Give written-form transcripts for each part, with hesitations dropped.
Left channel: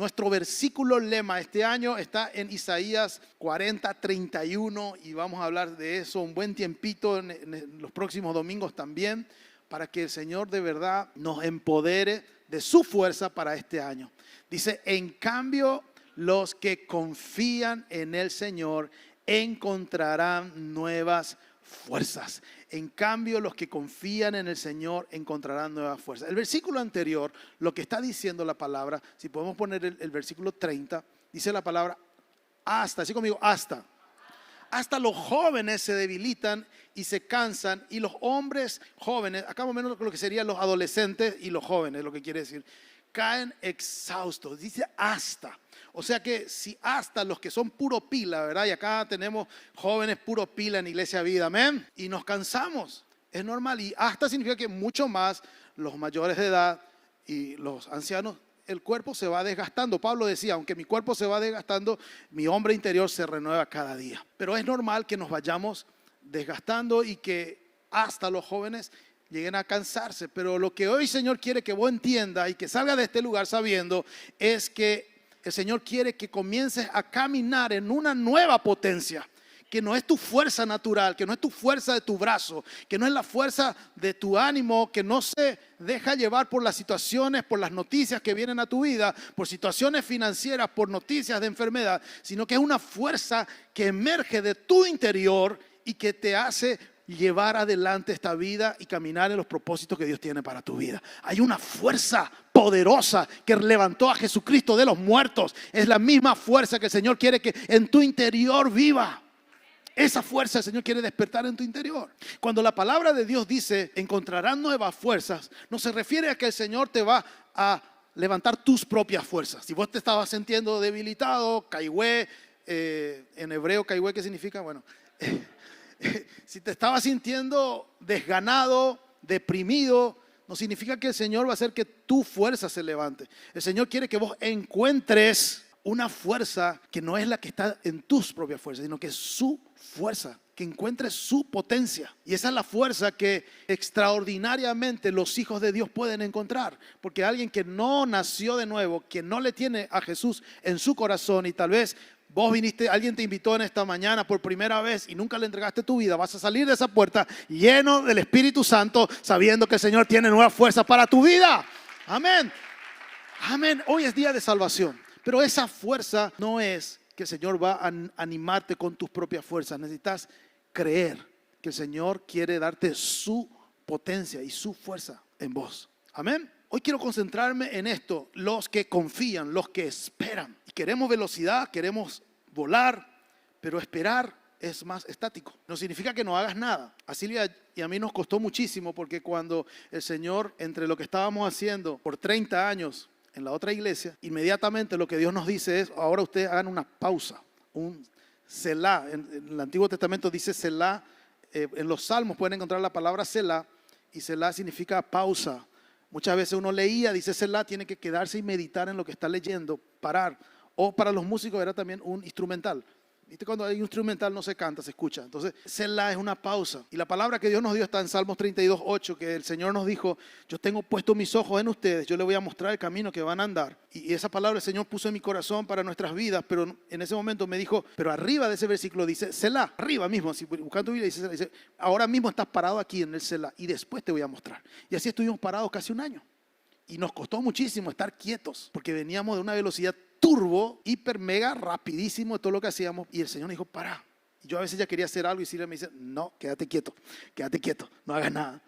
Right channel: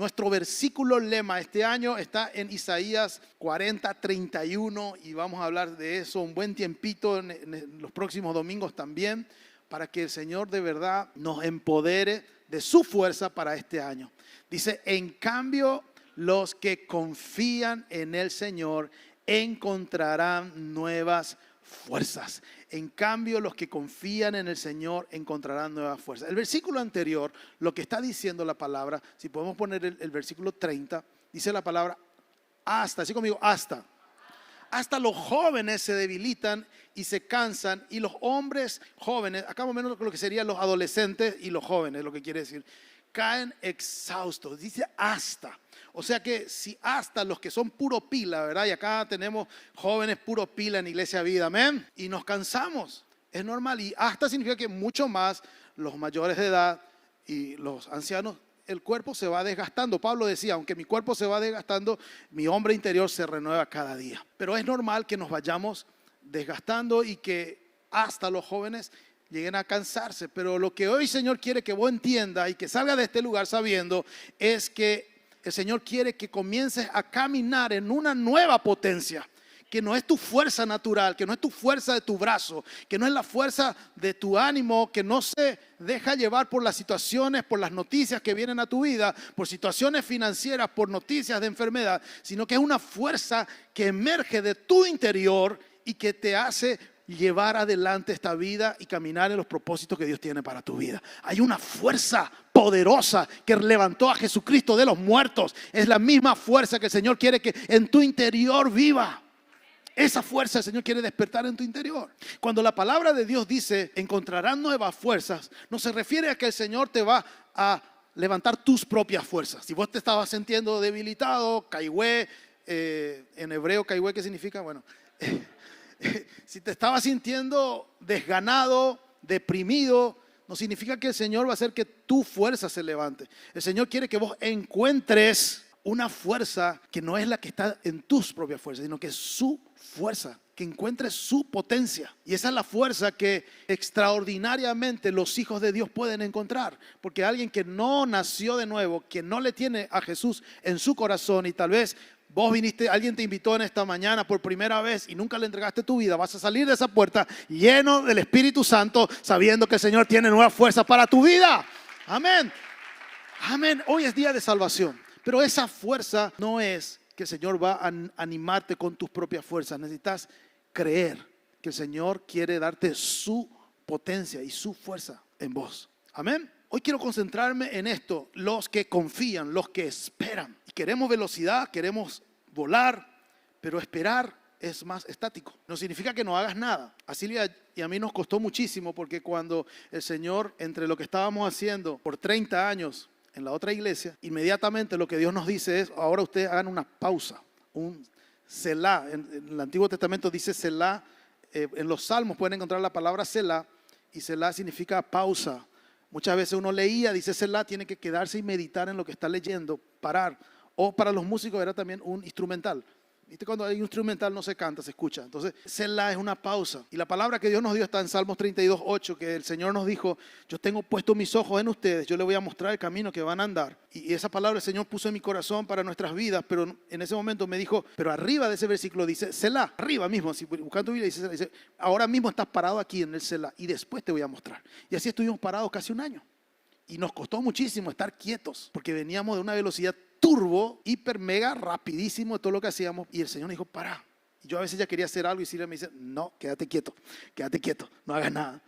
Nuestro versículo lema este año está en Isaías 40:31 y vamos a hablar de eso un buen tiempito en los próximos domingos también, para que el Señor de verdad nos empodere de su fuerza para este año. Dice, en cambio, los que confían en el Señor encontrarán nuevas fuerzas. En cambio, los que confían en el Señor encontrarán nuevas fuerzas. El versículo anterior, lo que está diciendo la palabra, si podemos poner el versículo 30, dice la palabra hasta, así conmigo, hasta. Hasta los jóvenes se debilitan y se cansan, y los hombres jóvenes, acá más o menos lo que serían los adolescentes y los jóvenes, lo que quiere decir, caen exhaustos. Dice hasta. O sea que si hasta los que son puro pila, ¿verdad? Y acá tenemos jóvenes puro pila en Iglesia Vida, amén. Y nos cansamos, es normal. Y hasta significa que mucho más los mayores de edad y los ancianos, el cuerpo se va desgastando. Pablo decía, aunque mi cuerpo se va desgastando, mi hombre interior se renueva cada día. Pero es normal que nos vayamos desgastando y que hasta los jóvenes lleguen a cansarse. Pero lo que hoy Señor quiere que vos entiendas y que salgas de este lugar sabiendo es que el Señor quiere que comiences a caminar en una nueva potencia, que no es tu fuerza natural, que no es tu fuerza de tu brazo, que no es la fuerza de tu ánimo, que no se deja llevar por las situaciones, por las noticias que vienen a tu vida, por situaciones financieras, por noticias de enfermedad, sino que es una fuerza que emerge de tu interior y que te hace llevar adelante esta vida y caminar en los propósitos que Dios tiene para tu vida. Hay una fuerza poderosa que levantó a Jesucristo de los muertos. Es la misma fuerza que el Señor quiere que en tu interior viva. Esa fuerza el Señor quiere despertar en tu interior. Cuando la palabra de Dios dice encontrarán nuevas fuerzas, no se refiere a que el Señor te va a levantar tus propias fuerzas. Si vos te estabas sintiendo debilitado, caigüe, en hebreo caigüe, ¿qué significa? Bueno, si te estabas sintiendo desganado, deprimido, no significa que el Señor va a hacer que tu fuerza se levante. El Señor quiere que vos encuentres una fuerza que no es la que está en tus propias fuerzas, sino que es su fuerza, que encuentres su potencia. Y esa es la fuerza que extraordinariamente los hijos de Dios pueden encontrar. Porque alguien que no nació de nuevo, que no le tiene a Jesús en su corazón, y tal vez vos viniste, alguien te invitó en esta mañana por primera vez y nunca le entregaste tu vida, vas a salir de esa puerta lleno del Espíritu Santo, sabiendo que el Señor tiene nueva fuerza para tu vida. Amén. Amén. Hoy es día de salvación, pero esa fuerza no es que el Señor va a animarte con tus propias fuerzas. Necesitas creer que el Señor quiere darte su potencia y su fuerza en vos. Amén. Hoy quiero concentrarme en esto, los que confían, los que esperan. Queremos velocidad, queremos volar, pero esperar es más estático. No significa que no hagas nada. A Silvia y a mí nos costó muchísimo, porque cuando el Señor, entre lo que estábamos haciendo por 30 años en la otra iglesia, inmediatamente lo que Dios nos dice es, ahora ustedes hagan una pausa, un Selah. En el Antiguo Testamento dice Selah, en los Salmos pueden encontrar la palabra Selah, y Selah significa pausa. Muchas veces uno leía, dice Selah, tiene que quedarse y meditar en lo que está leyendo, parar. O para los músicos era también un instrumental. ¿Viste? Cuando hay un instrumental no se canta, se escucha. Entonces, Selah es una pausa. Y la palabra que Dios nos dio está en Salmos 32:8, que el Señor nos dijo, yo tengo puesto mis ojos en ustedes, yo les voy a mostrar el camino que van a andar. Y esa palabra el Señor puso en mi corazón para nuestras vidas, pero en ese momento me dijo, pero arriba de ese versículo dice Selah, arriba mismo, si buscando tu Biblia dice, ahora mismo estás parado aquí en el Selah y después te voy a mostrar. Y así estuvimos parados casi un año. Y nos costó muchísimo estar quietos, porque veníamos de una velocidad turbo, hiper, mega, rapidísimo de todo lo que hacíamos. Y el Señor me dijo, para. Y yo a veces ya quería hacer algo y Silvia me dice, no, quédate quieto, no hagas nada.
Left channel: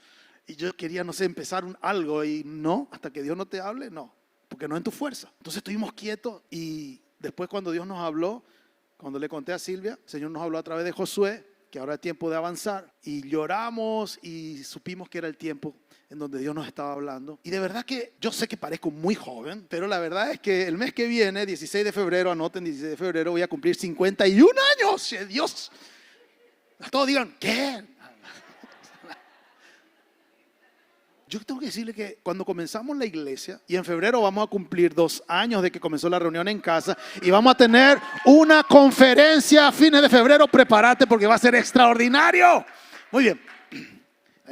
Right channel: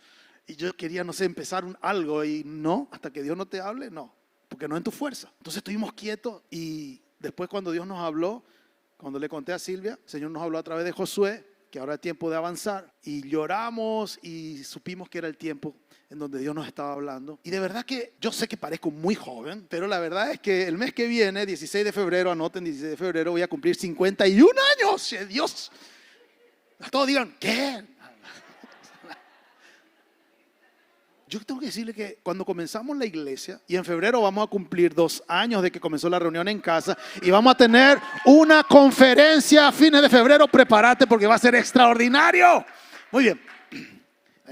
Y yo quería, no sé, empezar algo y no, hasta que Dios no te hable, no, porque no es en tu fuerza. Entonces estuvimos quietos y después cuando Dios nos habló, cuando le conté a Silvia, el Señor nos habló a través de Josué, que ahora es tiempo de avanzar. Y lloramos y supimos que era el tiempo en donde Dios nos estaba hablando. Y de verdad que yo sé que parezco muy joven, pero la verdad es que el mes que viene, 16 de febrero, anoten 16 de febrero, voy a cumplir 51 años. Dios. Todos digan, ¿qué? Yo tengo que decirle que cuando comenzamos la iglesia, y en febrero vamos a cumplir 2 años de que comenzó la reunión en casa, y vamos a tener una conferencia a fines de febrero, prepárate porque va a ser extraordinario. Muy bien.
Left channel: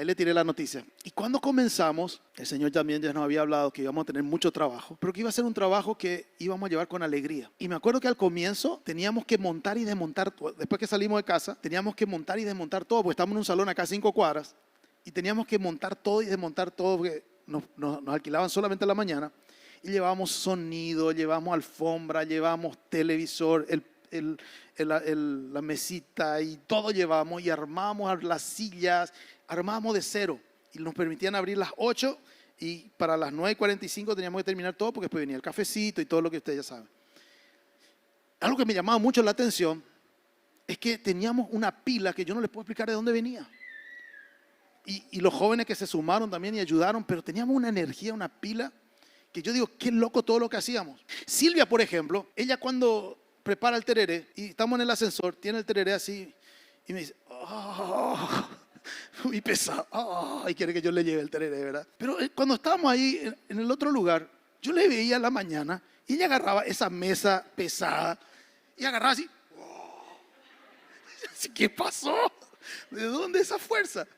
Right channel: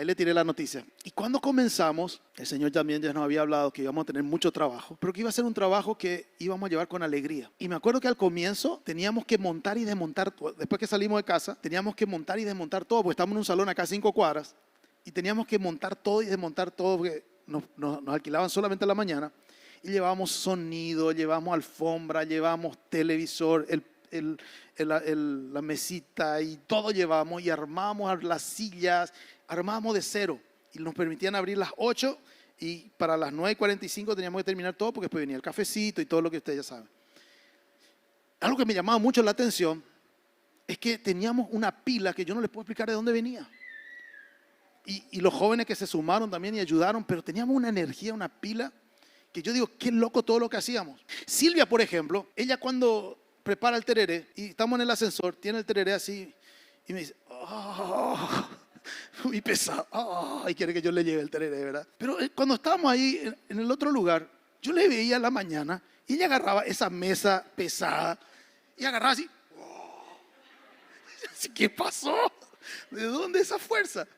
Ahí le tiré la noticia. Y cuando comenzamos, el Señor también ya nos había hablado que íbamos a tener mucho trabajo, pero que iba a ser un trabajo que íbamos a llevar con alegría. Y me acuerdo que al comienzo teníamos que montar y desmontar, después que salimos de casa, teníamos que montar y desmontar todo, porque estábamos en un salón acá a 5 cuadras, y teníamos que montar todo y desmontar todo, porque nos alquilaban solamente a la mañana, y llevábamos sonido, llevamos alfombra, llevamos televisor, la mesita y todo llevamos, y armamos las sillas, armamos de cero, y nos permitían abrir las 8 y para las 9:45 teníamos que terminar todo, porque después venía el cafecito y todo lo que ustedes ya saben. Algo que me llamaba mucho la atención es que teníamos una pila que yo no les puedo explicar de dónde venía. Y los jóvenes que se sumaron también y ayudaron, pero teníamos una energía, una pila, que yo digo, qué loco todo lo que hacíamos. Silvia, por ejemplo, ella cuando prepara el tereré y estamos en el ascensor, tiene el tereré así y me dice, oh, muy pesado, y quiere que yo le lleve el tereré, ¿verdad? Pero cuando estábamos ahí en el otro lugar, yo le veía a la mañana y ella agarraba esa mesa pesada y agarraba así, ¿qué pasó? ¿De dónde esa fuerza?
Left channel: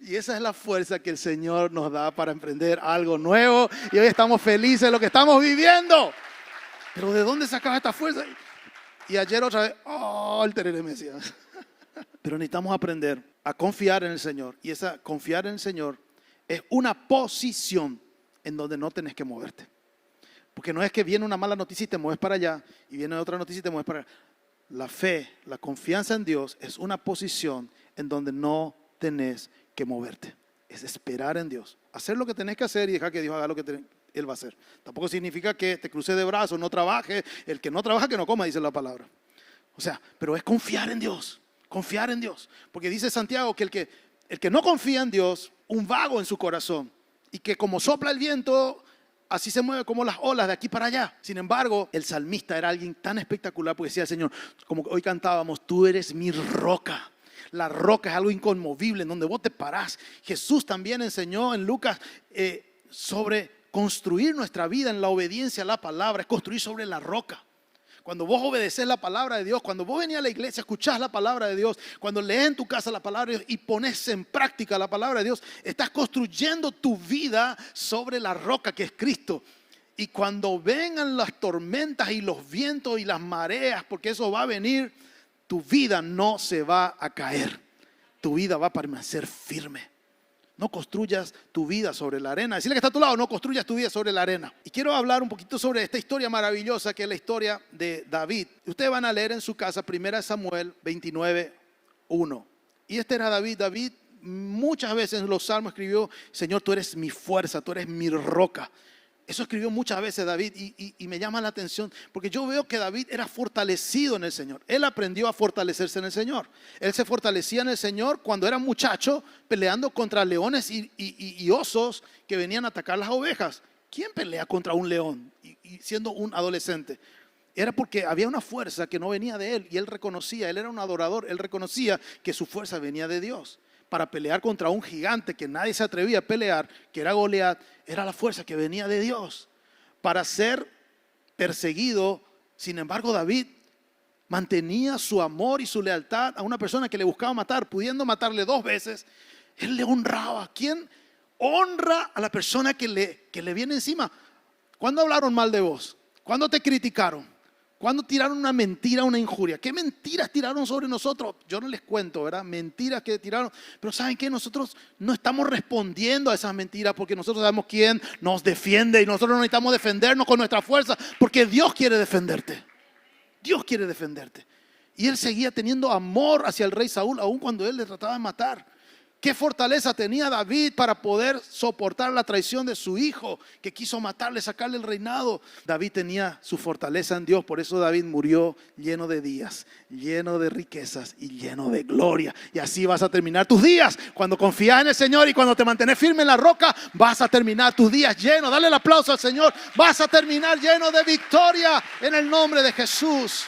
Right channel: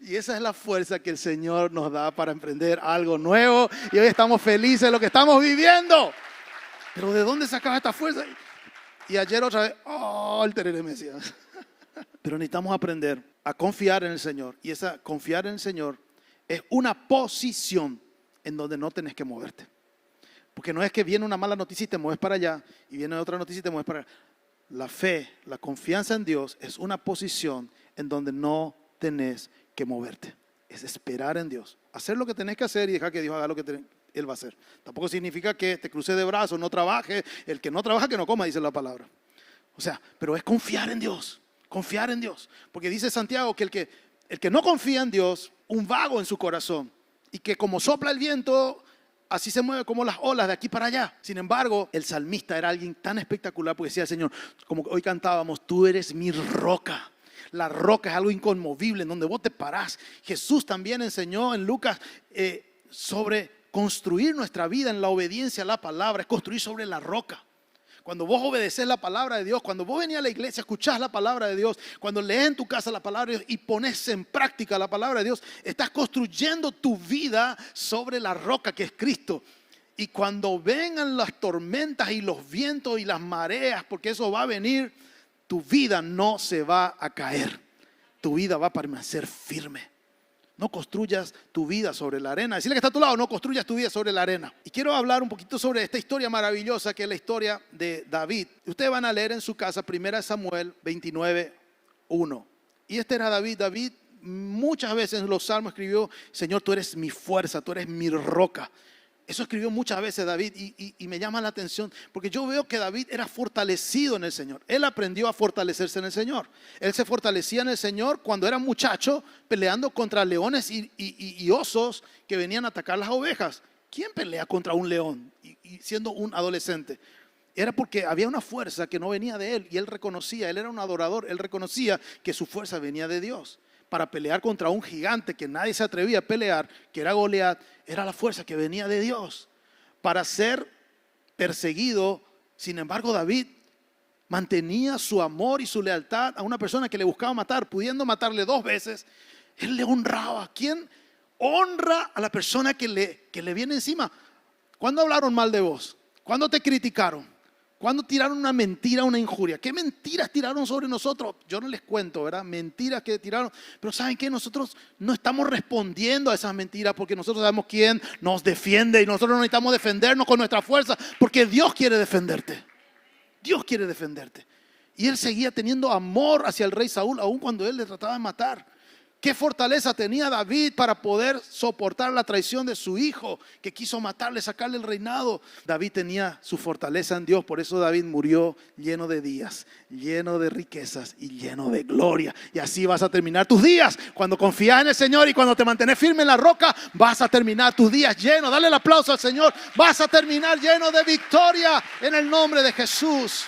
Y esa es la fuerza que el Señor nos da para emprender algo nuevo, y hoy estamos felices de lo que estamos viviendo. Pero ¿de dónde sacaba esta fuerza? Y ayer otra vez, el tereré me decía. Pero necesitamos aprender a confiar en el Señor. Y esa confiar en el Señor es una posición en donde no tenés que moverte. Porque no es que viene una mala noticia y te mueves para allá, y viene otra noticia y te mueves para allá. La fe, la confianza en Dios es una posición en donde no tenés que moverte. Es esperar en Dios. Hacer lo que tenés que hacer y dejar que Dios haga lo que Él va a hacer. Tampoco significa que te cruces de brazos, no trabaje. El que no trabaja, que no coma, dice la palabra. O sea, pero es confiar en Dios. Confiar en Dios. Porque dice Santiago que el que no confía en Dios, un vago en su corazón. Y que como sopla el viento, así se mueve como las olas de aquí para allá. Sin embargo, el salmista era alguien tan espectacular, porque decía el Señor, como hoy cantábamos, tú eres mi roca. La roca es algo inconmovible en donde vos te parás. Jesús también enseñó en Lucas sobre construir nuestra vida en la obediencia a la palabra. Es construir sobre la roca. Cuando vos obedeces la palabra de Dios, cuando vos venís a la iglesia, escuchás la palabra de Dios, cuando lees en tu casa la palabra de Dios y pones en práctica la palabra de Dios, estás construyendo tu vida sobre la roca que es Cristo. Y cuando vengan las tormentas y los vientos y las mareas, porque eso va a venir, tu vida no se va a caer. Tu vida va a permanecer firme. No construyas tu vida sobre la arena. Decirle que está a tu lado, no construyas tu vida sobre la arena. Y quiero hablar un poquito sobre esta historia maravillosa que es la historia de David. Ustedes van a leer en su casa 1 Samuel 29:1. Y este era David. David muchas veces en los salmos escribió, Señor, tú eres mi fuerza, tú eres mi roca. Eso escribió muchas veces David y me llama la atención porque yo veo que David era fortalecido en el Señor. Él aprendió a fortalecerse en el Señor. Él se fortalecía en el Señor cuando era muchacho peleando contra leones y osos que venían a atacar las ovejas. ¿Quién pelea contra un león y siendo un adolescente? Era porque había una fuerza que no venía de él y él reconocía, él era un adorador, él reconocía que su fuerza venía de Dios. Para pelear contra un gigante que nadie se atrevía a pelear, que era Goliat, era la fuerza que venía de Dios. Para ser perseguido, sin embargo, David mantenía su amor y su lealtad a una persona que le buscaba matar, pudiendo matarle 2 veces. Él le honraba. ¿Quién honra a la persona que le viene encima? ¿Cuándo hablaron mal de vos? ¿Cuándo te criticaron? ¿Cuándo tiraron una mentira, una injuria? ¿Qué mentiras tiraron sobre nosotros? Yo no les cuento, ¿verdad? Mentiras que tiraron. Pero ¿saben qué? Nosotros no estamos respondiendo a esas mentiras porque nosotros sabemos quién nos defiende y nosotros no necesitamos defendernos con nuestra fuerza porque Dios quiere defenderte. Dios quiere defenderte. Y él seguía teniendo amor hacia el rey Saúl aun cuando él le trataba de matar. ¿Qué fortaleza tenía David para poder soportar la traición de su hijo que quiso matarle, sacarle el reinado? David tenía su fortaleza en Dios, por eso David murió lleno de días, lleno de riquezas y lleno de gloria. Y así vas a terminar tus días. Cuando confías en el Señor y cuando te mantienes firme en la roca, vas a terminar tus días lleno. Dale el aplauso al Señor. Vas a terminar lleno de victoria en el nombre de Jesús.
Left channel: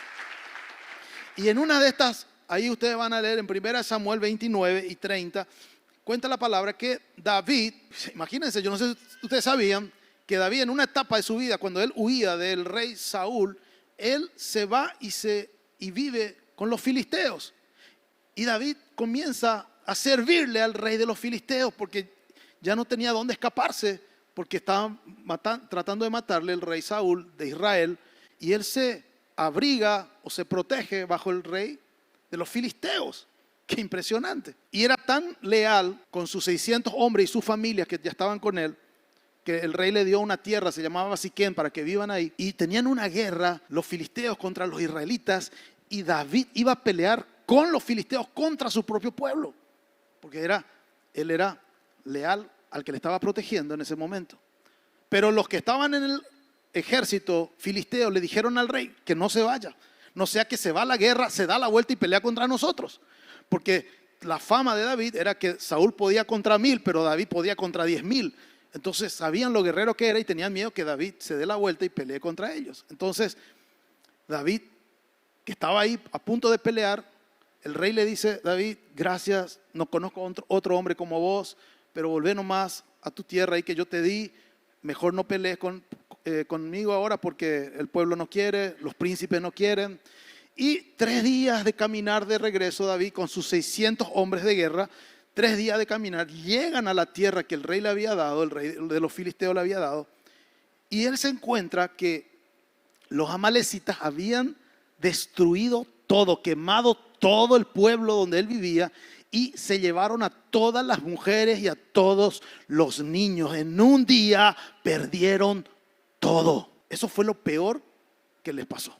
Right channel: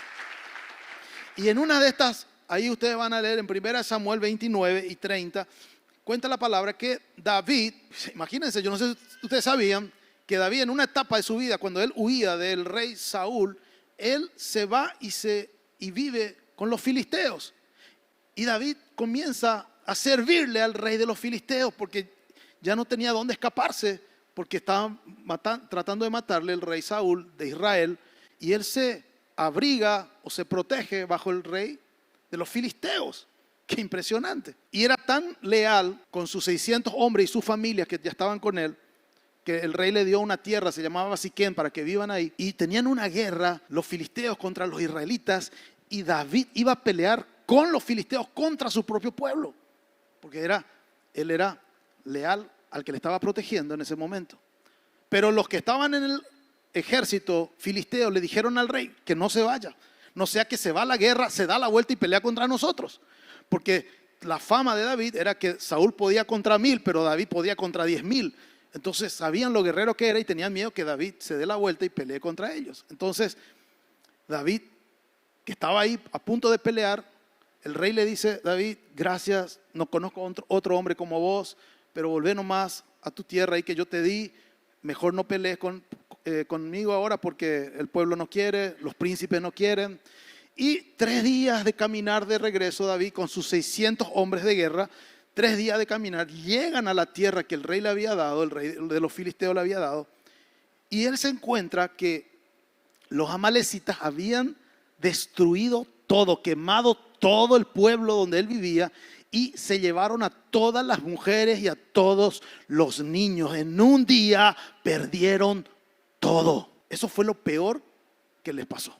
Y en una de estas, ahí ustedes van a leer en 1 Samuel 29 y 30, cuenta la palabra que David, imagínense, yo no sé si ustedes sabían, que David en una etapa de su vida, cuando él huía del rey Saúl, él se va y vive con los filisteos. Y David comienza a servirle al rey de los filisteos porque ya no tenía dónde escaparse, porque estaban tratando de matarle el rey Saúl de Israel, y él se abriga o se protege bajo el rey de los filisteos. Qué impresionante. Y era tan leal con sus 600 hombres y sus familias que ya estaban con él, que el rey le dio una tierra, se llamaba Siquén, para que vivan ahí. Y tenían una guerra los filisteos contra los israelitas, y David iba a pelear con los filisteos contra su propio pueblo, porque él era leal al que le estaba protegiendo en ese momento. Pero los que estaban en el ejército filisteo le dijeron al rey que no se vaya, no sea que se va a la guerra, se da la vuelta y pelea contra nosotros. Porque la fama de David era que Saúl podía contra 1000, pero David podía contra 10,000. Entonces sabían lo guerrero que era y tenían miedo que David se dé la vuelta y pelee contra ellos. Entonces David, que estaba ahí a punto de pelear, el rey le dice: David, gracias, no conozco otro hombre como vos, pero volvé nomás a tu tierra ahí que yo te di. Mejor no pelees conmigo ahora porque el pueblo no quiere, los príncipes no quieren. Y 3 días de caminar de regreso, David con sus 600 hombres de guerra, 3 días de caminar, llegan a la tierra que el rey le había dado, el rey de los filisteos le había dado, y él se encuentra que los amalecitas habían destruido todo, quemado todo el pueblo donde él vivía, y se llevaron a todas las mujeres y a todos los niños. En un día perdieron todo. Eso fue lo peor que les pasó.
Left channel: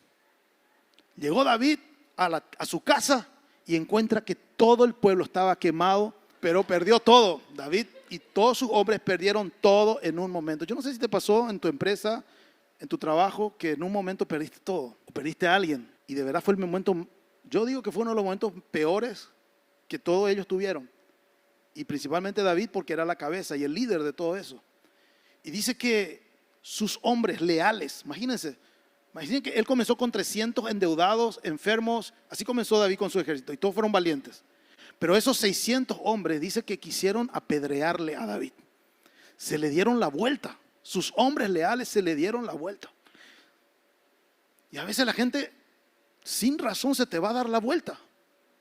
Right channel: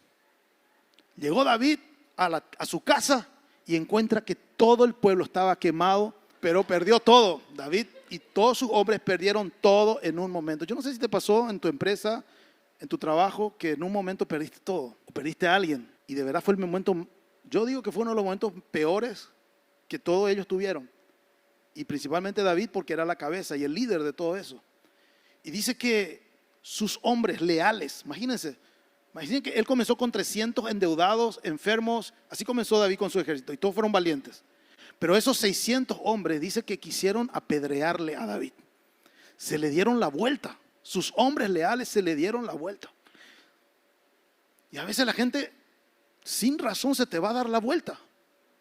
Llegó David a su casa y encuentra que todo el pueblo estaba quemado, pero perdió todo. David y todos sus hombres perdieron todo en un momento. Yo no sé si te pasó en tu empresa, en tu trabajo, que en un momento perdiste todo, perdiste a alguien. Y de verdad fue el momento, yo digo que fue uno de los momentos peores que todos ellos tuvieron. Y principalmente David, porque era la cabeza y el líder de todo eso. Y dice que sus hombres leales, imagínense que él comenzó con 300 endeudados, enfermos. Así comenzó David con su ejército y todos fueron valientes. Pero esos 600 hombres dice que quisieron apedrearle a David. Se le dieron la vuelta. Sus hombres leales se le dieron la vuelta. Y a veces la gente sin razón se te va a dar la vuelta.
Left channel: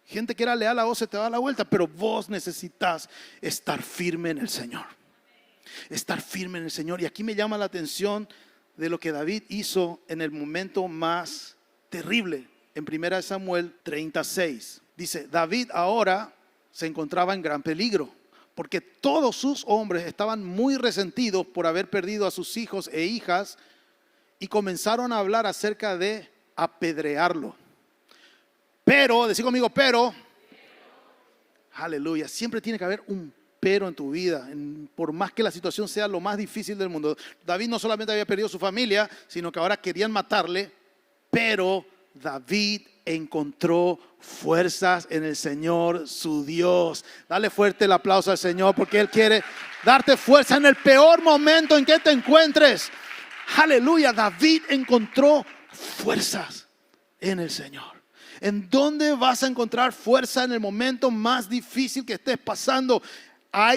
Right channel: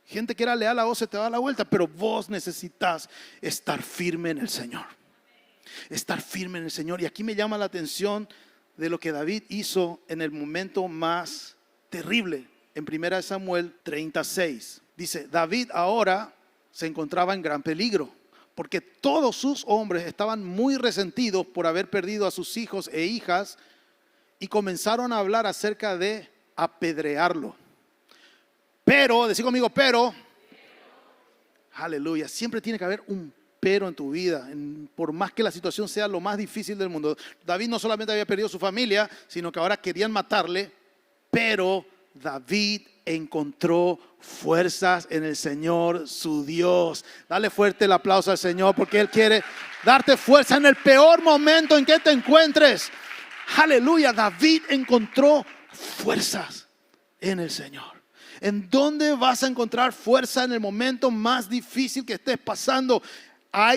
Gente que era leal a vos se te va a dar la vuelta, pero vos necesitas estar firme en el Señor. Estar firme en el Señor. Y aquí me llama la atención de lo que David hizo en el momento más terrible. En 1 Samuel 36 dice: David ahora se encontraba en gran peligro, porque todos sus hombres estaban muy resentidos por haber perdido a sus hijos e hijas, y comenzaron a hablar acerca de apedrearlo. Pero, decí conmigo, pero, aleluya, siempre tiene que haber un pero en tu vida, por más que la situación sea lo más difícil del mundo. David no solamente había perdido su familia, sino que ahora querían matarle, pero David encontró fuerzas en el Señor, su Dios. Dale fuerte el aplauso al Señor, porque Él quiere darte fuerza en el peor momento en que te encuentres. Aleluya, David encontró fuerzas en el Señor. ¿En dónde vas a encontrar fuerza en el momento más difícil que estés pasando?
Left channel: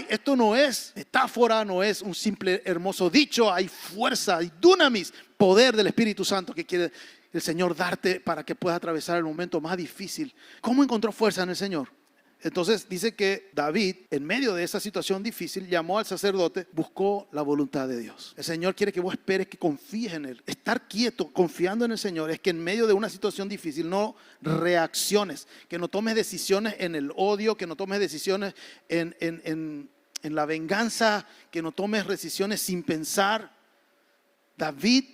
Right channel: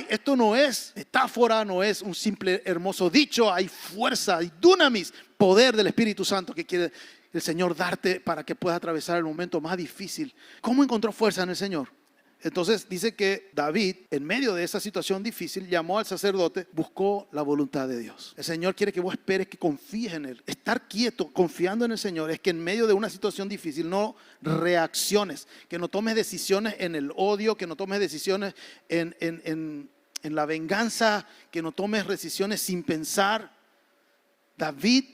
Esto no es metáfora, no es un simple hermoso dicho. Hay fuerza, hay dunamis, poder del Espíritu Santo que quiere el Señor darte para que puedas atravesar el momento más difícil. ¿Cómo encontró fuerza en el Señor? Entonces dice que David, en medio de esa situación difícil, llamó al sacerdote, buscó la voluntad de Dios. El Señor quiere que vos esperes, que confíes en Él. Estar quieto, confiando en el Señor, es que en medio de una situación difícil no reacciones, que no tomes decisiones en el odio, que no tomes decisiones en la venganza, que no tomes decisiones sin pensar. David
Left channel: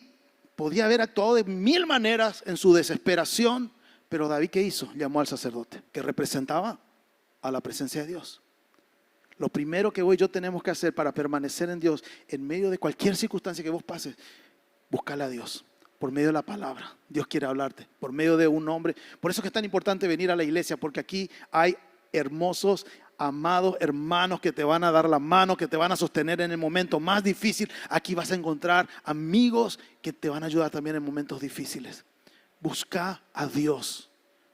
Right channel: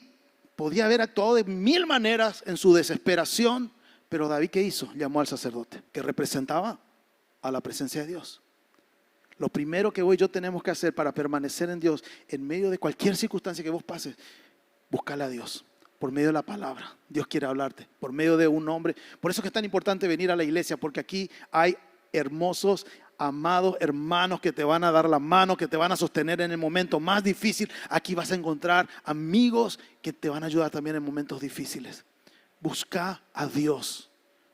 podía haber actuado de 1000 maneras en su desesperación, pero David, ¿qué hizo? Llamó al sacerdote, que representaba a la presencia de Dios. Lo primero que hoy yo tenemos que hacer para permanecer en Dios en medio de cualquier circunstancia que vos pases, búscale a Dios por medio de la palabra. Dios quiere hablarte por medio de un hombre. Por eso es que es tan importante venir a la iglesia, porque aquí hay hermosos, amados hermanos que te van a dar la mano, que te van a sostener en el momento más difícil. Aquí vas a encontrar amigos que te van a ayudar también en momentos difíciles. Busca a Dios.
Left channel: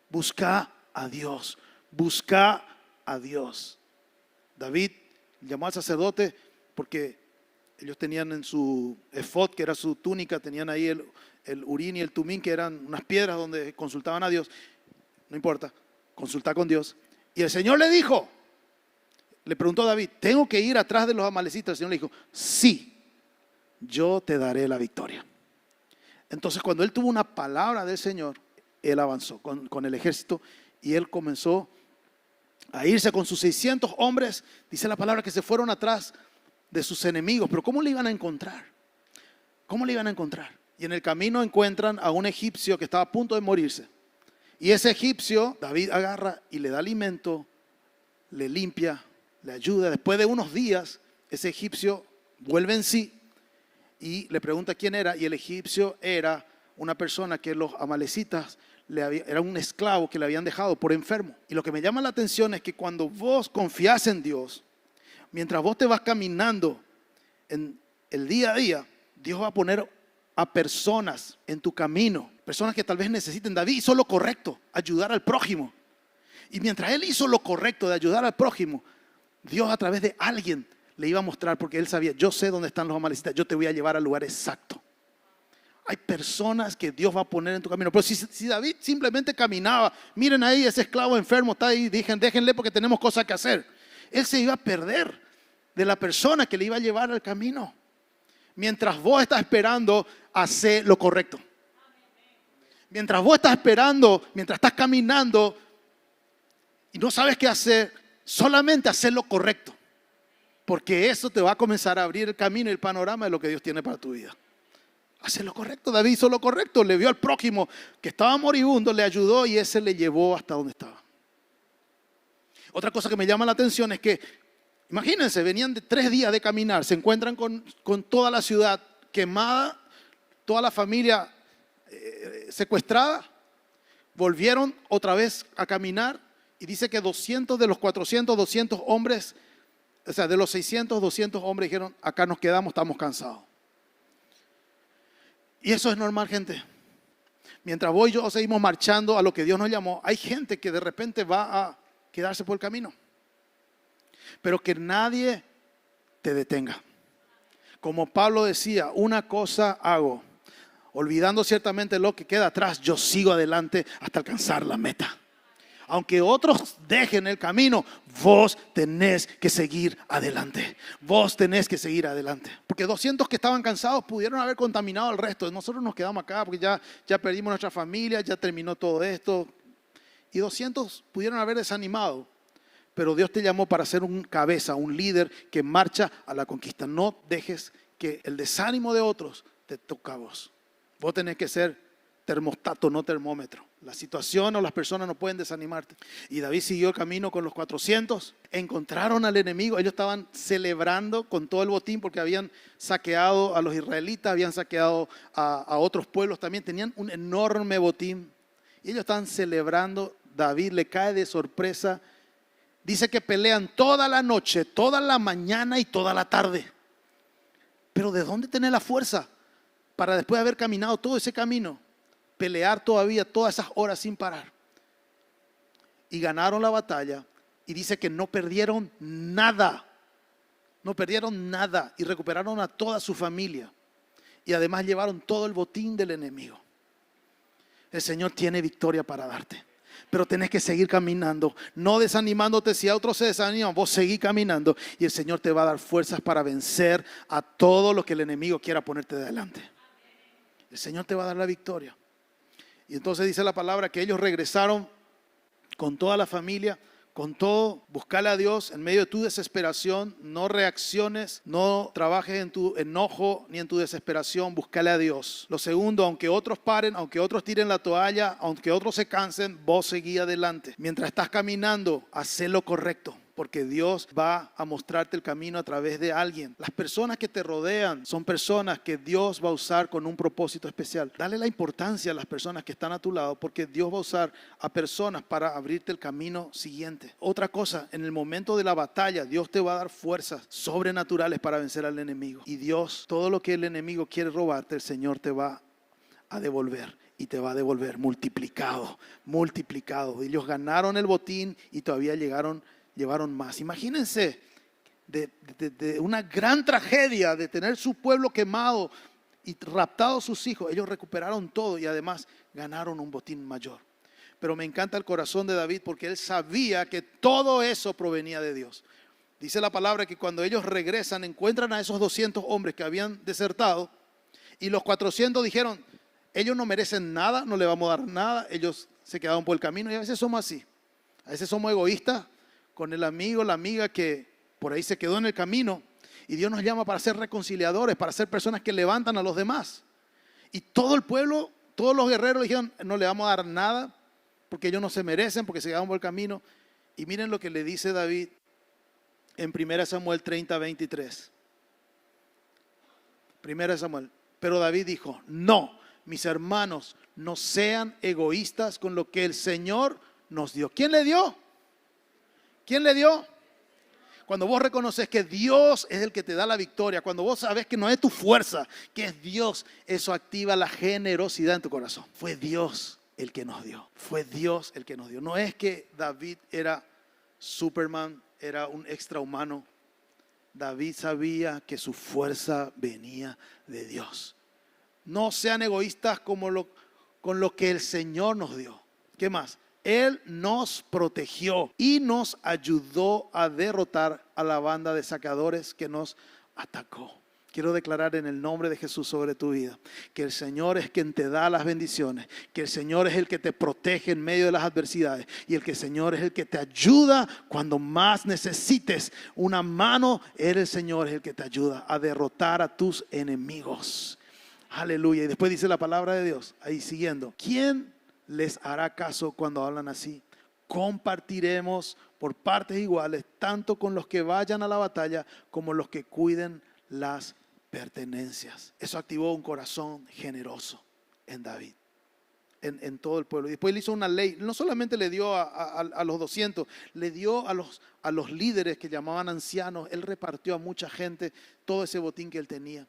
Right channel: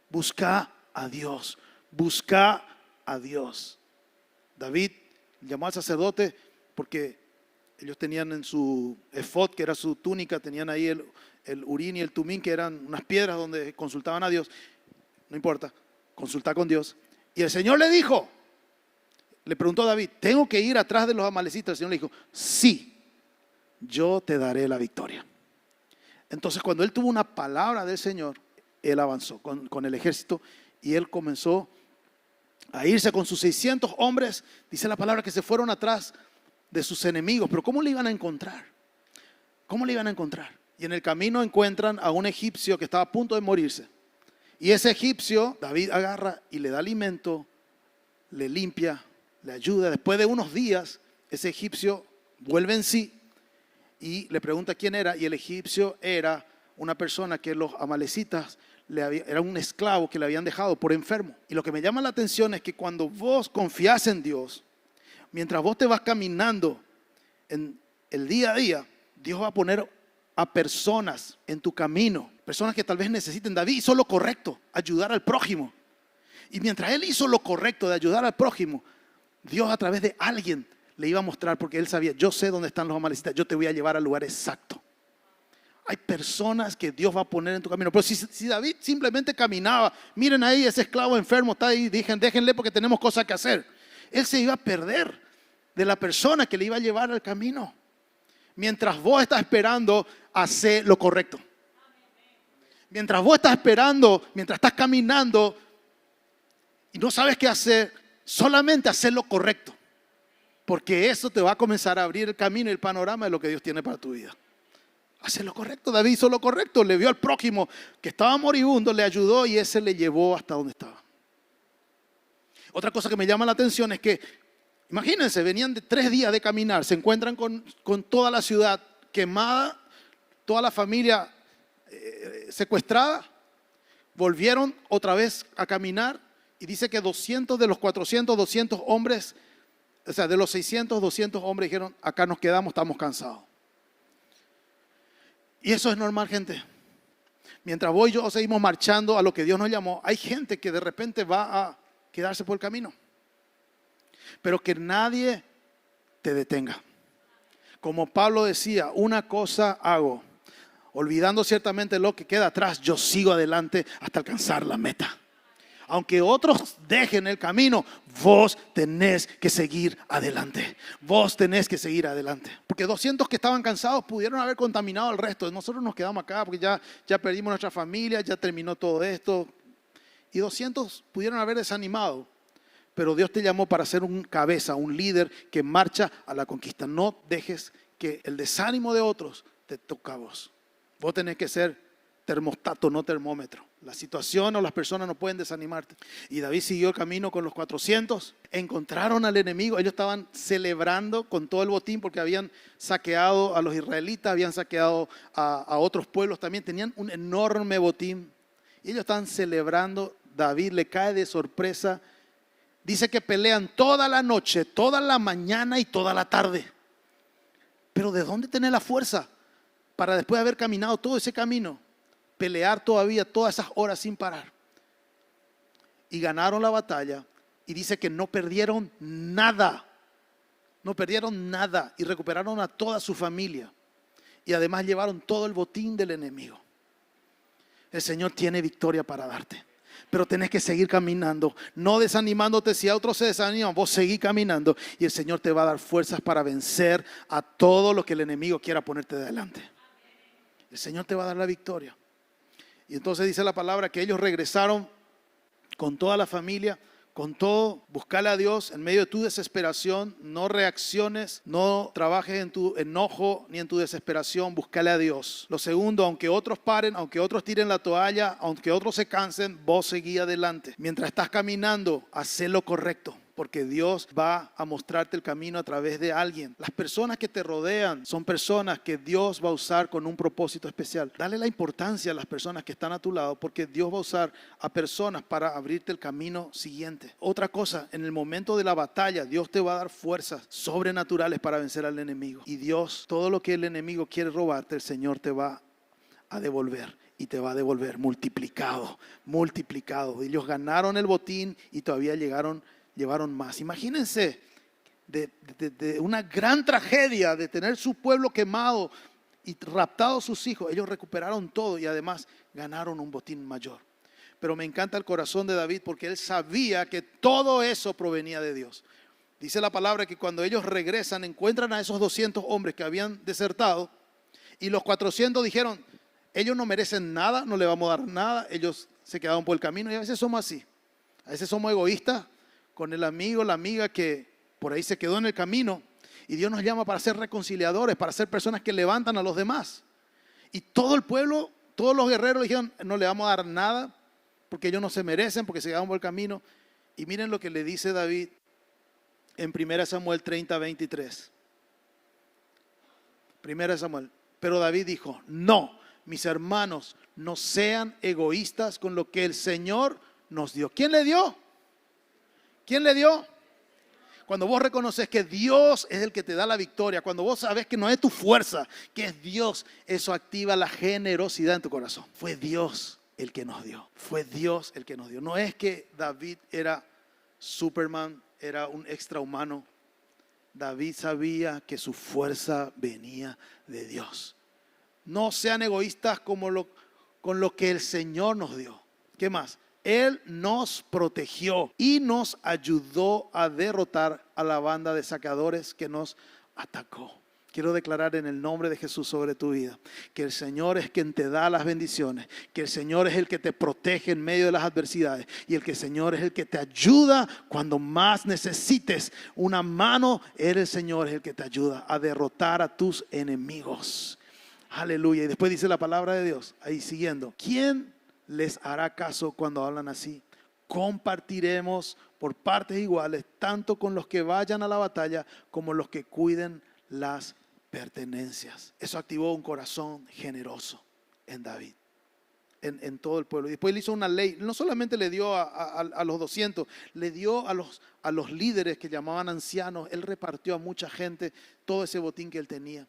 Busca a Dios. Busca a Dios. David llamó al sacerdote porque ellos tenían en su efod, que era su túnica, tenían ahí el urín y el tumín, que eran unas piedras donde consultaban a Dios. No importa, consulta con Dios. Y el Señor le dijo: Le preguntó a David, ¿tengo que ir atrás de los amalecitas? El Señor le dijo, sí, yo te daré la victoria. Entonces cuando él tuvo una palabra del Señor, él avanzó con el ejército y él comenzó a irse con sus 600 hombres. Dice la palabra que se fueron atrás de sus enemigos. Pero ¿cómo le iban a encontrar? ¿Cómo le iban a encontrar? Y en el camino encuentran a un egipcio que estaba a punto de morirse. Y ese egipcio, David agarra y le da alimento, le limpia, le ayuda. Después de unos días, ese egipcio vuelve en sí y le pregunta quién era. Y el egipcio era una persona que los amalecitas era un esclavo que le habían dejado por enfermo. Y lo que me llama la atención es que cuando vos confías en Dios, mientras vos te vas caminando en el día a día, Dios va a poner a personas en tu camino, personas que tal vez necesiten. David hizo lo correcto, ayudar al prójimo. Y mientras él hizo lo correcto de ayudar al prójimo, Dios a través de alguien le iba a mostrar, porque él sabía, yo sé dónde están los amalecitas, yo te voy a llevar al lugar exacto. Hay personas que Dios va a poner en tu camino. Pero si David simplemente caminaba, miren ahí, ese esclavo enfermo está ahí, déjenle porque tenemos cosas que hacer. Él se iba a perder de la persona que le iba a llevar al camino. Mientras vos estás esperando, hacer lo correcto. Mientras vos estás esperando, mientras estás caminando y no sabes qué hacer, solamente hacer lo correcto. Porque eso te va a comenzar a abrir el camino y el panorama de lo que Dios tiene para tu vida. Hacer lo correcto. David hizo lo correcto. Le vio al prójimo que estaba moribundo, le ayudó y ese le llevó hasta donde estaba. Otra cosa que me llama la atención es que, imagínense, venían de 3 días de caminar, se encuentran con toda la ciudad quemada, toda la familia secuestrada, volvieron otra vez a caminar y dice que 200 de los 400, 200 hombres, o sea, de los 600, 200 hombres dijeron, acá nos quedamos, estamos cansados. Y eso es normal, gente. Mientras vos y yo seguimos marchando a lo que Dios nos llamó, hay gente que de repente va a quedarse por el camino. Pero que nadie te detenga. Como Pablo decía, una cosa hago, olvidando ciertamente lo que queda atrás, yo sigo adelante hasta alcanzar la meta. Aunque otros dejen el camino, vos tenés que seguir adelante. Vos tenés que seguir adelante. Porque 200 que estaban cansados pudieron haber contaminado al resto. Nosotros nos quedamos acá porque ya perdimos nuestra familia, ya terminó todo esto. Y 200 pudieron haber desanimado. Pero Dios te llamó para ser un cabeza, un líder que marcha a la conquista. No dejes que el desánimo de otros te toque a vos. Vos tenés que ser termostato, no termómetro. La situación o las personas no pueden desanimarte. Y David siguió el camino con los 400. Encontraron al enemigo. Ellos estaban celebrando con todo el botín porque habían saqueado a los israelitas, habían saqueado a otros pueblos también. Tenían un enorme botín. Y ellos estaban celebrando. David le cae de sorpresa. Dice que pelean toda la noche, toda la mañana y toda la tarde. Pero ¿de dónde tener la fuerza para después de haber caminado todo ese camino, pelear todavía todas esas horas sin parar? Y ganaron la batalla y dice que no perdieron nada. No perdieron nada y recuperaron a toda su familia. Y además llevaron todo el botín del enemigo. El Señor tiene victoria para darte. Pero tenés que seguir caminando, no desanimándote. Si a otros se desaniman, vos seguí caminando y el Señor te va a dar fuerzas para vencer a todo lo que el enemigo quiera ponerte de delante. El Señor te va a dar la victoria. Y entonces dice la palabra que ellos regresaron con toda la familia, con todo. Buscale a Dios en medio de tu desesperación. No reacciones, no trabajes en tu enojo ni en tu desesperación. Buscale a Dios. Lo segundo, aunque otros paren, aunque otros tiren la toalla, aunque otros se cansen, vos seguí adelante. Mientras estás caminando, haz lo correcto. Porque Dios va a mostrarte el camino a través de alguien. Las personas que te rodean son personas que Dios va a usar con un propósito especial. Dale la importancia a las personas que están a tu lado, porque Dios va a usar a personas para abrirte el camino siguiente. Otra cosa, en el momento de la batalla, Dios te va a dar fuerzas sobrenaturales para vencer al enemigo. Y Dios, todo lo que el enemigo quiere robarte, el Señor te va a devolver. Y te va a devolver multiplicado, multiplicado. Ellos ganaron el botín y todavía llevaron más. Imagínense de una gran tragedia de tener su pueblo quemado y raptado sus hijos. Ellos recuperaron todo y además ganaron un botín mayor. Pero me encanta el corazón de David porque él sabía que todo eso provenía de Dios. dice la palabra que cuando ellos regresan encuentran a esos 200 hombres que habían desertado y los 400 dijeron, ellos no merecen nada, no le vamos a dar nada, ellos se quedaron por el camino. Y a veces somos así, a veces somos egoístas con el amigo, la amiga que por ahí se quedó en el camino. Y Dios nos llama para ser reconciliadores, para ser personas que levantan a los demás. Y todo el pueblo, todos los guerreros dijeron, no le vamos a dar nada porque ellos no se merecen, porque se quedaron por el camino. Y miren lo que le dice David en 1 Samuel 30, 23. 1 Samuel. Pero David dijo, no, mis hermanos, no sean egoístas con lo que el Señor nos dio. ¿Quién le dio? ¿Quién le dio? Cuando vos reconoces que Dios es el que te da la victoria, cuando vos sabes que no es tu fuerza, que es Dios, eso activa la generosidad en tu corazón. Fue Dios el que nos dio. Fue Dios el que nos dio. No es que David era Superman, era un extrahumano. David sabía que su fuerza venía de Dios. No sean egoístas con lo que el Señor nos dio. ¿Qué más? Él nos protegió y nos ayudó a derrotar a la banda de saqueadores que nos atacó. Quiero declarar en el nombre de Jesús sobre tu vida que el Señor es quien te da las bendiciones, que el Señor es el que te protege en medio de las adversidades y el Señor es el que te ayuda cuando más necesites una mano. El Señor es el que te ayuda a derrotar a tus enemigos. Aleluya. Y después dice la palabra de Dios, ahí siguiendo, ¿quién les hará caso cuando hablan así? Compartiremos por partes iguales, tanto con los que vayan a la batalla como los que cuiden las pertenencias. Eso activó un corazón generoso en David, en todo el pueblo. Y después le hizo una ley, no solamente le dio a los 200, le dio a los líderes que llamaban ancianos. Él repartió a mucha gente todo ese botín que él tenía.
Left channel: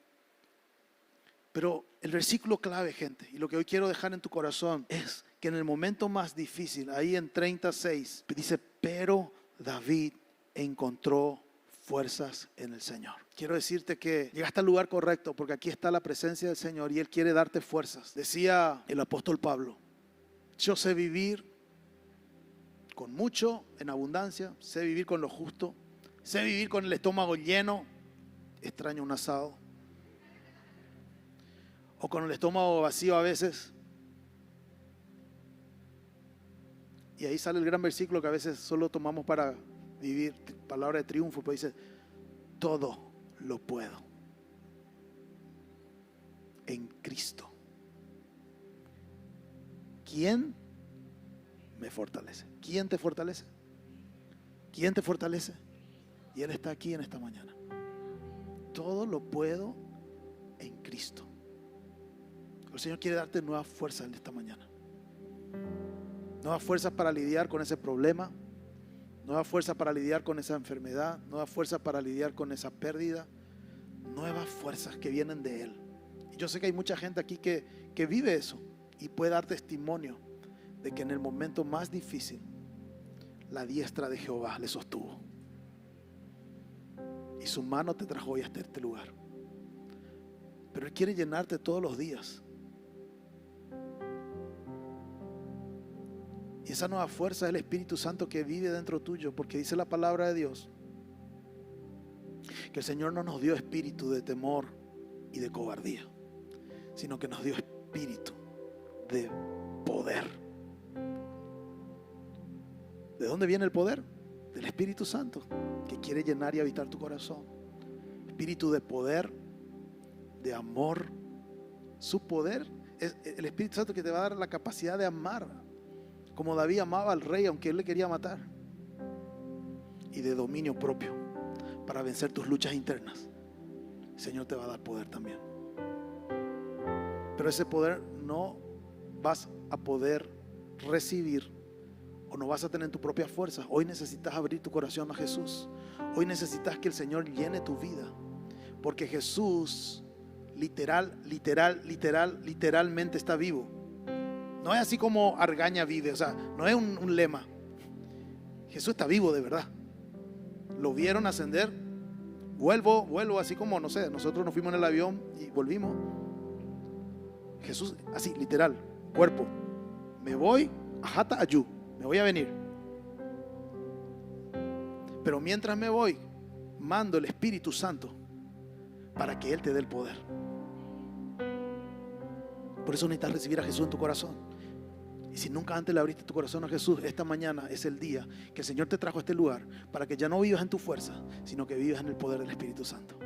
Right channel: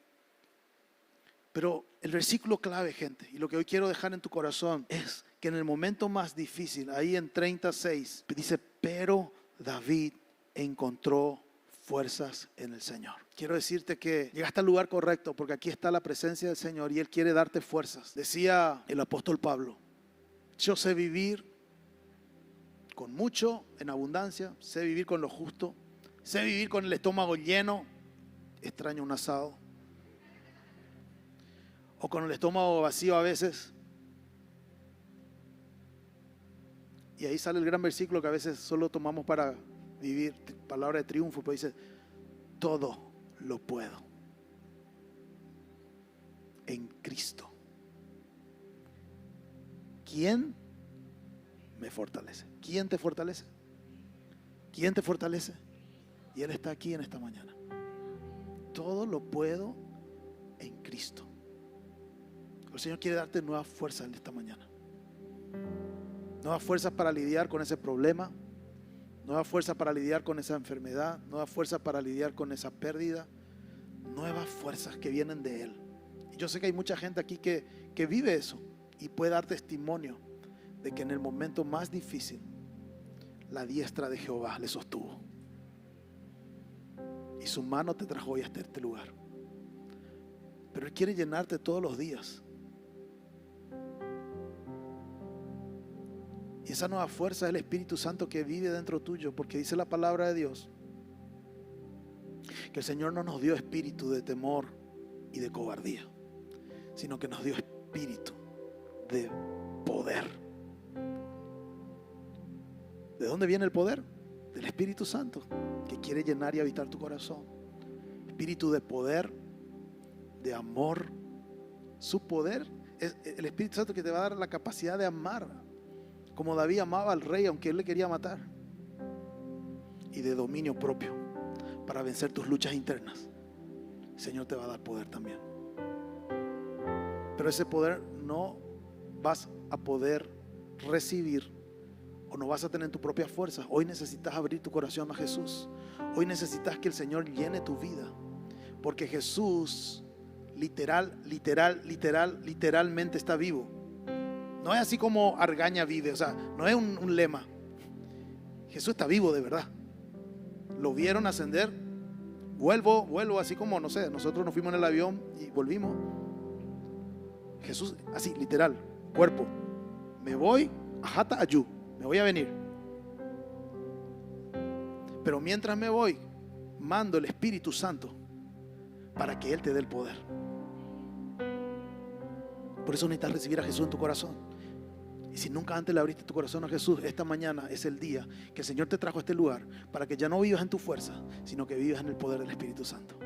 Pero el versículo clave, gente, y lo que hoy quiero dejar en tu corazón es que en el momento más difícil, ahí en 36, dice, pero David encontró fuerzas en el Señor. Quiero decirte que llegaste al lugar correcto porque aquí está la presencia del Señor y Él quiere darte fuerzas. Decía el apóstol Pablo, yo sé vivir con mucho, en abundancia, sé vivir con lo justo, sé vivir con el estómago lleno, extraño un asado, o con el estómago vacío a veces. Y ahí sale el gran versículo que a veces solo tomamos para vivir, palabra de triunfo, pues dice, todo lo puedo en Cristo. ¿Quién me fortalece? ¿Quién te fortalece? ¿Quién te fortalece? Y Él está aquí en esta mañana. Todo lo puedo en Cristo. El Señor quiere darte nuevas fuerzas en esta mañana. Nuevas fuerzas para lidiar con ese problema. Nuevas fuerzas para lidiar con esa enfermedad. Nuevas fuerzas para lidiar con esa pérdida. Nuevas fuerzas que vienen de Él. Y yo sé que hay mucha gente aquí que vive eso y puede dar testimonio de que en el momento más difícil la diestra de Jehová le sostuvo. Y su mano te trajo hoy hasta este lugar. Pero Él quiere llenarte todos los días. Y esa nueva fuerza es el Espíritu Santo que vive dentro tuyo, porque dice la palabra de Dios que el Señor no nos dio espíritu de temor y de cobardía, sino que nos dio espíritu de poder. ¿De dónde viene el poder? Del Espíritu Santo, que quiere llenar y habitar tu corazón. Espíritu de poder, de amor. Su poder es el Espíritu Santo que te va a dar la capacidad de amar, como David amaba al rey aunque él le quería matar, y de dominio propio para vencer tus luchas internas. El Señor te va a dar poder también, pero ese poder no vas a poder recibir o no vas a tener en tu propia fuerza. Hoy necesitas abrir tu corazón a Jesús. Hoy necesitas que el Señor llene tu vida, porque Jesús literalmente está vivo. No es así como Argaña vive, o sea, no es un lema. Jesús está vivo de verdad. Lo vieron ascender. Vuelvo así como, no sé, nosotros nos fuimos en el avión y volvimos. Jesús así, literal, cuerpo. Me voy, ajata ayú, me voy a venir. Pero mientras me voy, mando el Espíritu Santo para que Él te dé el poder. Por eso necesitas recibir a Jesús en tu corazón. Y si nunca antes le abriste tu corazón a Jesús, esta mañana es el día que el Señor te trajo a este lugar para que ya no vivas en tu fuerza, sino que vivas en el poder del Espíritu Santo.